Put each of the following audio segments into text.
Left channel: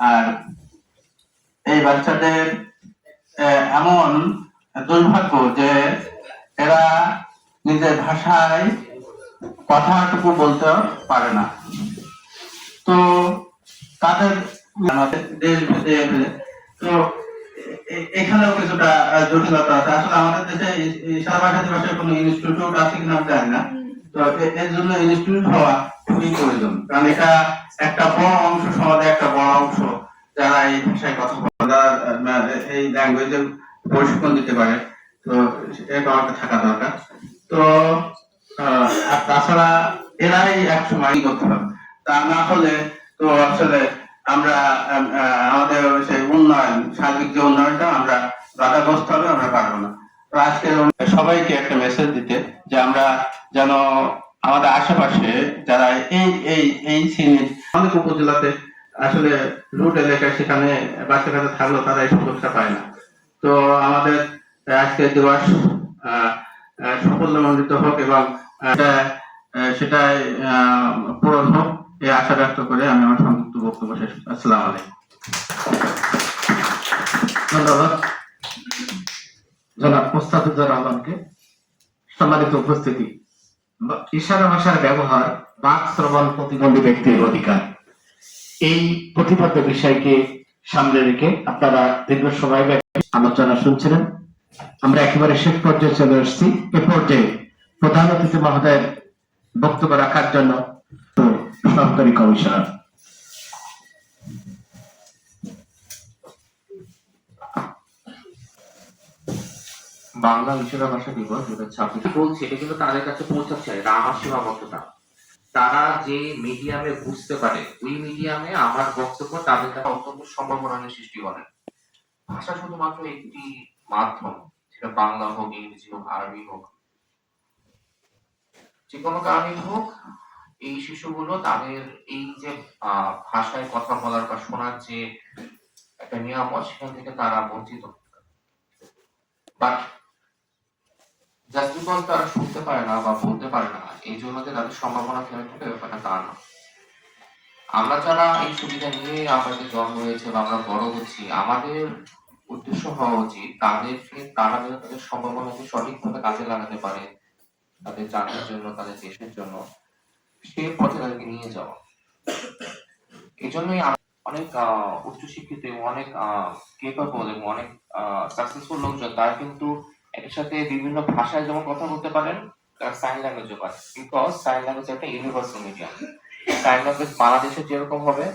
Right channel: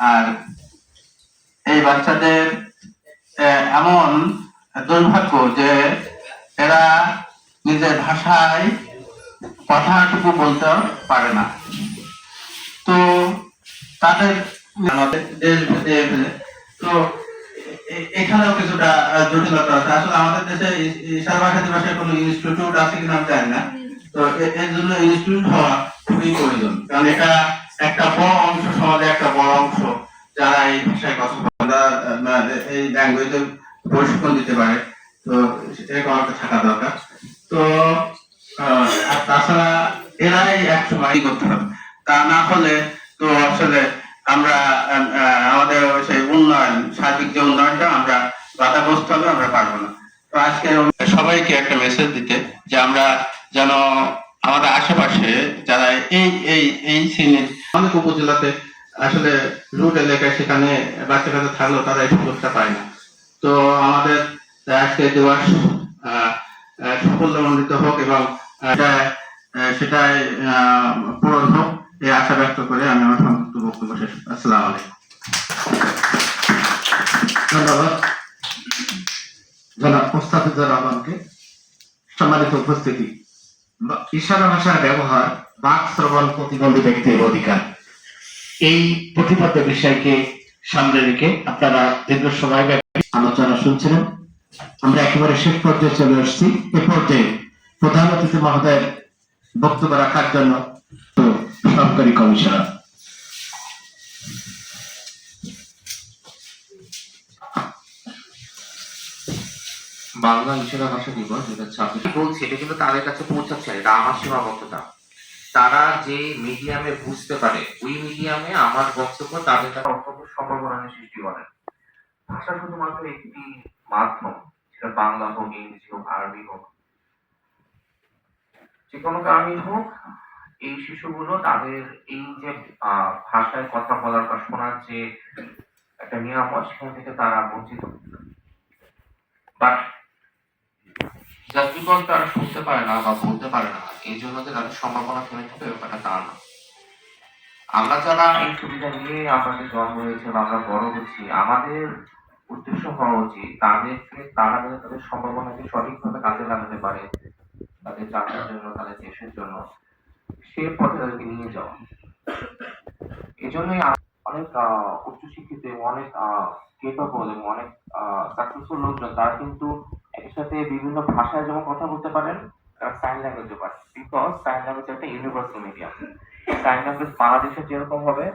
আর এই বাচ্চাদের এমন দুর্ভাগ্য যে এরা নিজের ভাষায় কথাটুকু বলতে পারে না। তো তাদের তো এখানেও কিছুটা জটিলতা আছে। আসলে আমাদের দেশে ইশারা ভাষায় কোনো ইনস্টিটিউট আছে কিনা আমি জানি না। তো এর জন্য ইনস্টিটিউট হওয়া খুবই প্রয়োজন, কারণ এটা একটা বড় অংশ, সমাজে একটা বড় অংশ যারা এই ভাষায় কথা বলে, এই ল্যাঙ্গুয়েজের প্রশিক্ষণ দিতে পারে। তো এটা আমাকে থাকা দরকার। তো আর তাছাড়া এরাই এক সময় করতে হবে, তা না হলে তো আসলে আমরা আমাদের সেই উন্নয়ন, সার্বিক যে উন্নয়নটা আমরা বাধাগ্রস্ত হবে, আমরা পারবো না। তো আজকে সবাইকে একটা মেসেজ দিতে যে আমরা যেন আমাদের আশেপাশে যারা এই এই এই শ্রেণীর অনেক উপজেলাতে আসলে রুট এলাকায় সেখানে বাচ্চা কাচ্চা থাকলেও তারা এই সুযোগটা পায় না। তো আমাদের আজকে দিবস সাফল্যমণ্ডিত হোক এবং সেটাই পূরণ হোক, এই আশা ব্যক্ত করে আমি আমার সংক্ষিপ্ত বক্তব্য শেষ। আসসালামু আলাইকুম। ধন্যবাদ জনাব মোস্তাফিজুর রহমানকে। সম্মানিত উপস্থিতি, ইশারা ভাষার ব্যবহার বাক শ্রবণ প্রতিবন্ধী ব্যক্তির অধিকার, এই প্রতিপাদ্য বিষয়কে সামনে রেখে আপনারা দীর্ঘ সময় ব্যাপী আলোচনা শুনছিলেন। আমরা একেবারে শেষ পর্যায়ে চলে আসছি। এ পর্যায়ে প্রধান অতিথি মহোদয়ের বক্তব্য রাখার জন্য সরকারি কমিশনার। বাংলা ইশারা ভাষা দিবস বলছি, এটা কিন্তু তাদের কাছে পৌঁছাচ্ছে, এটা আমার সীমাবদ্ধতা। তারা যে মিডিয়ামে বুঝতে পারে ওই মিডিয়ামে আমার বক্তব্য তাদের কাছে অত্যন্ত সম্ভাবনার সৃষ্টি করে। ভাষা শুধুমাত্র একটি মাধ্যম, সেটা বাংলা হোক, ইংরেজি হোক, আরবি হোক, যে কোনো কারণেই হোক, এই শিশুগুলো তাদের এই যে ভাষায় কথা বলার বা শোনার যে একটা নিয়ামত, সেখান থেকে তারা বঞ্চিত। বাট জাস্ট বিকজ তারা শুনতে পারে না বা বলতে পারে না, এই জন্য যে তাদের সম্ভাবনা থেমে থাকে, ব্যাপারটা তা না। আমরা যারা এই সুবিধা নিয়ে আমাদের জন্ম হয়েছে বা আমরা বড় হচ্ছি, আমাদের উদ্দেশ্য হওয়া উচিত তাদেরকে, তারা যেন তাদের সম্ভাবনাকে সঠিকভাবে কাজে লাগাতে পারে তাদের জাতির জন্য, তাদের দেশের জন্য, সে পথে তাদেরকে নিয়ে যাওয়া। এই জন্যই অনেক উচ্চশিক্ষিত এবং অনেক কেপাবল এবং অনেক সাকসেসফুল লোকজন তারা কিন্তু এর সাথে বিভিন্ন ভাষায় যেমন কথা বলতে পারেন, তারা সাইন ল্যাঙ্গুয়েজও পারে, বিকজ সাইন ল্যাঙ্গুয়েজ একটা ইউনিভার্সাল মিডিয়াম। সাইন ল্যাঙ্গুয়েজ বাংলাদেশে যেরকম হবে,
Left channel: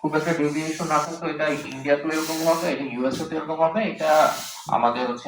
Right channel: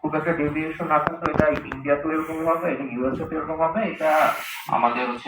খুব একটা ডেভিয়েশন না থাকতো, এটা ইন্ডিয়াতেও এরকম হবে, এটা ইউএসএ তে এরকম হবে, এটা আমাদের হচ্ছে